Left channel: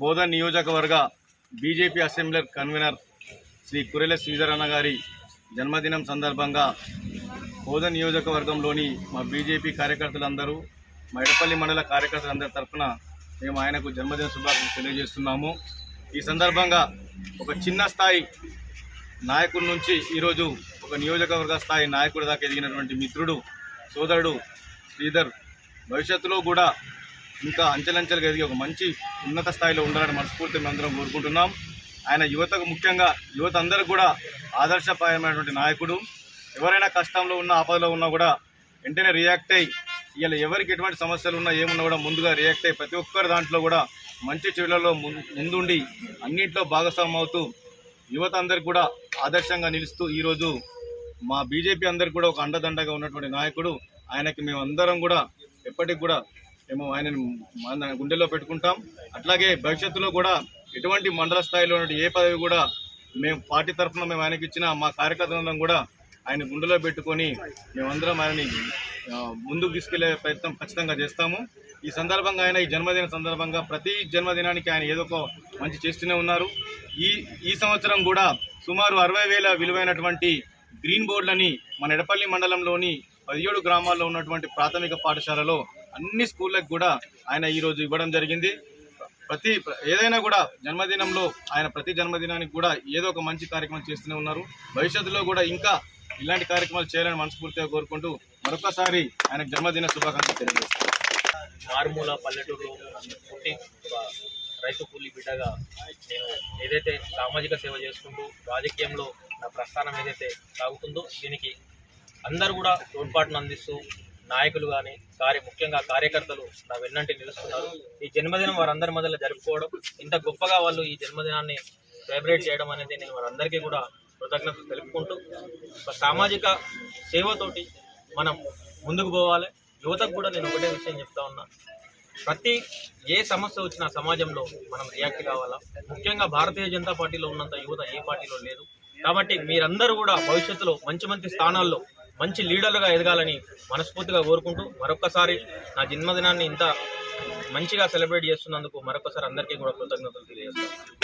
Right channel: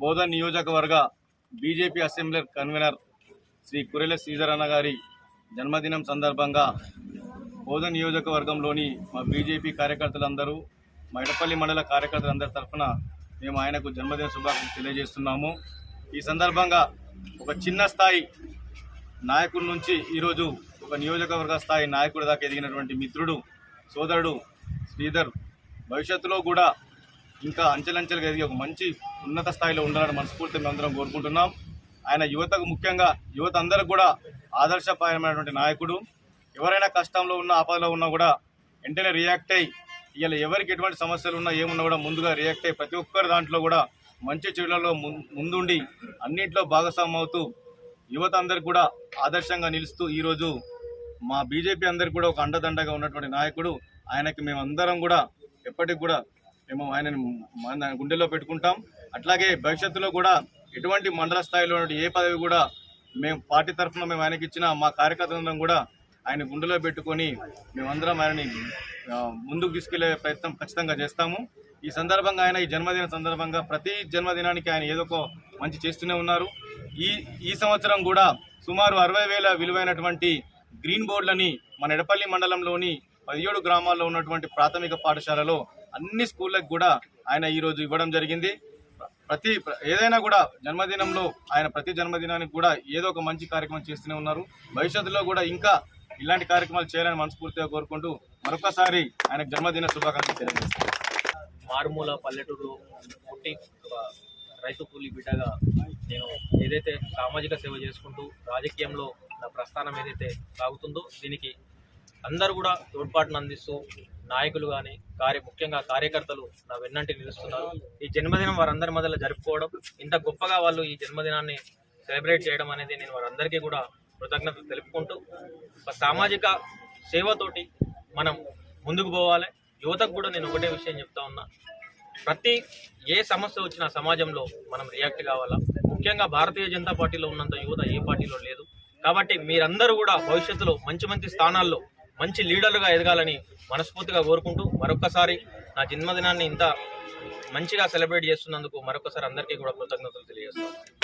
బోధన్ నియోజకవర్గ BJP assembly convenor Shri Kurela Sridhar అన్న గారి జన్మదినం సందర్భంగా బోధన్ నియోజకవర్గంలోని మా బీజేపీ కార్యకర్తలందరూ మా ఎడపల్లి మండల కార్యకర్తలందరి తరఫున మేము ఆయనకు జన్మదిన శుభాకాంక్షలు తెలియజేస్తున్నాము. ఈ సందర్భంగా ఒక చిన్న స్థాయి నాయకుడి నుంచి ఈరోజు ఒక నియోజకవర్గ స్థాయి నాయకుడి దాకా ఎదిగినటువంటి మిత్రుడు సోదరుడు శ్రీధర్ భవిష్యత్తులో కూడా ఇంకా అంచెలంచెలుగా ఎదిగి ఒక మంచి ఉన్నత స్థాయిలో ఉండాలని మనస్ఫూర్తిగా అందరం కోరుకుంటున్నాం. ఆయన యువతకు ముఖ్యంగా యువత అందరికి కూడా ఆదర్శప్రాయమైనటువంటి నాయకుడు. ఎవరైనా కష్టంలో ఉన్న ఆపదలో ఉన్నా కూడా వెంటనే రియాక్ట్ అయ్యి ఇలా ఎవరికి ఎటువంటి సమస్యలు ఉన్నా ఏమున్నా కూడా ముందుగా రియాక్ట్ అయ్యి ప్రతి ఒక్కరి దాంట్లో కూడా మంచి చెడులలో ముందుండి అన్నింటిలో భాగస్వామ్యం అవుతూ యువత అందరికి కూడా ఆదర్శంగా నిలుస్తూ ఈరోజు మా బీజేపీ అందరికి కూడా ఒక అండదండగా ఉన్నటువంటి నాయకుడు. ఆయనకి మేమందరం కూడా ఎప్పటికి కూడా మేము ఆయనని మన గుండెల్లో పెట్టుకుంటాం. అట్లాగే భవిష్యత్తులో కూడా ఎటువంటి మండల స్థాయిలో ఉన్నటువంటి ఏ పదవి కూడా మేము పార్టీ తరఫున మేము ఆయనకి ఇచ్చిన మా కార్యకర్తలందరం కూడా ఆయన గుండెలో పెట్టుకొని మేమందరం ఆయనని ముందుకు తీసుకెళ్ళే ప్రయత్నం ఖచ్చితంగా చేస్తాము. ఈ సందర్భంగా ఆయన ఈ జన్మదిన సందర్భంగా ప్రతి జన్మదినానికి ఆయన ఏదో ఒక మంచి చేస్తూనే ఉన్నారు. ఈ ఈ సంవత్సరం కూడా సుమారు అరవై వేల విలువైనటువంటి గ్రీన్ బోర్డులని మన ఎడపల్లి మండలంలోని పదిహేడు గ్రామాల్లో ఉన్నటువంటి ప్రాథమిక పాఠశాలలో అన్ని స్కూళ్ళకి కూడా ఆయన ఈరోజు ఇవ్వడం జరిగింది. ప్రతి ఏదైనా కూడా జన్మదినంలో ఆయన ప్రతి జన్మదినానికి కూడా ఏదో ఒక మంచి కార్యక్రమం చేస్తూనే ఉన్నారు. భవిష్యత్తులో కూడా ఇంకా ఇలాంటి కార్యక్రమాలు చేయాలని మనస్ఫూర్తిగా కోరుకుంటూ మరొకసారి ఆయన జన్మదిన శుభాకాంక్షలు తెలియజేస్తాను. మారుమూల పల్లెటూరులో పుట్టి ఒక రైతు కూలి బిడ్డగా నేను ఏదైతే సామాజిక సేవ చేసుకుంటూ రాజకీయంలో నా ప్రస్థానం ఏదైతే సాగుతుందో దీనికి అందరూ కూడా తోడ్పాటును అందిస్తూ నాయకులు కానీ కార్య ముఖ్యంగా కార్యకర్తలు నా వెన్నంటి నిలుస్తున్నారు. ఈ జన్మదినం వారందరి మధ్యలో జరుపుకోవడం ఇంత గొప్పగా వాళ్ళు ఈ జన్మదినాన్ని సెలబ్రేట్ చేయడం అనేది నేను వారందరికీ కూడా కృతజ్ఞతలు తెలుపుకుంటూ ఒక సామాజిక సేవతోటి మనం ముందుకు పోవాలి. యువతకు కూడా నేను ఒకటే విషయం చెప్తా ఉన్నా. ప్రతి ఏ సమస్య వచ్చినా సమాజంలో మనం రియాక్ట్ కావాలా? ముఖ్యంగా భారతీయ జనతా పార్టీలో ఉన్నంత యువత ఏ పార్టీలో లేదు. కాబట్టి మీరందరూ కూడా భవిష్యత్తులో మంచి మంచి స్థానాల్లో మంచి లీడర్లుగా ఎదగాలని మనస్ఫూర్తిగా కోరుకుంటూ మరొక్కసారి నా జన్మదినాన్ని ఇంత మంచిగా సెలబ్రేట్ చేస్తున్నందుకు మరొకసారి అందరికీ కూడా కృతజ్ఞతలు తెలియజేస్తాను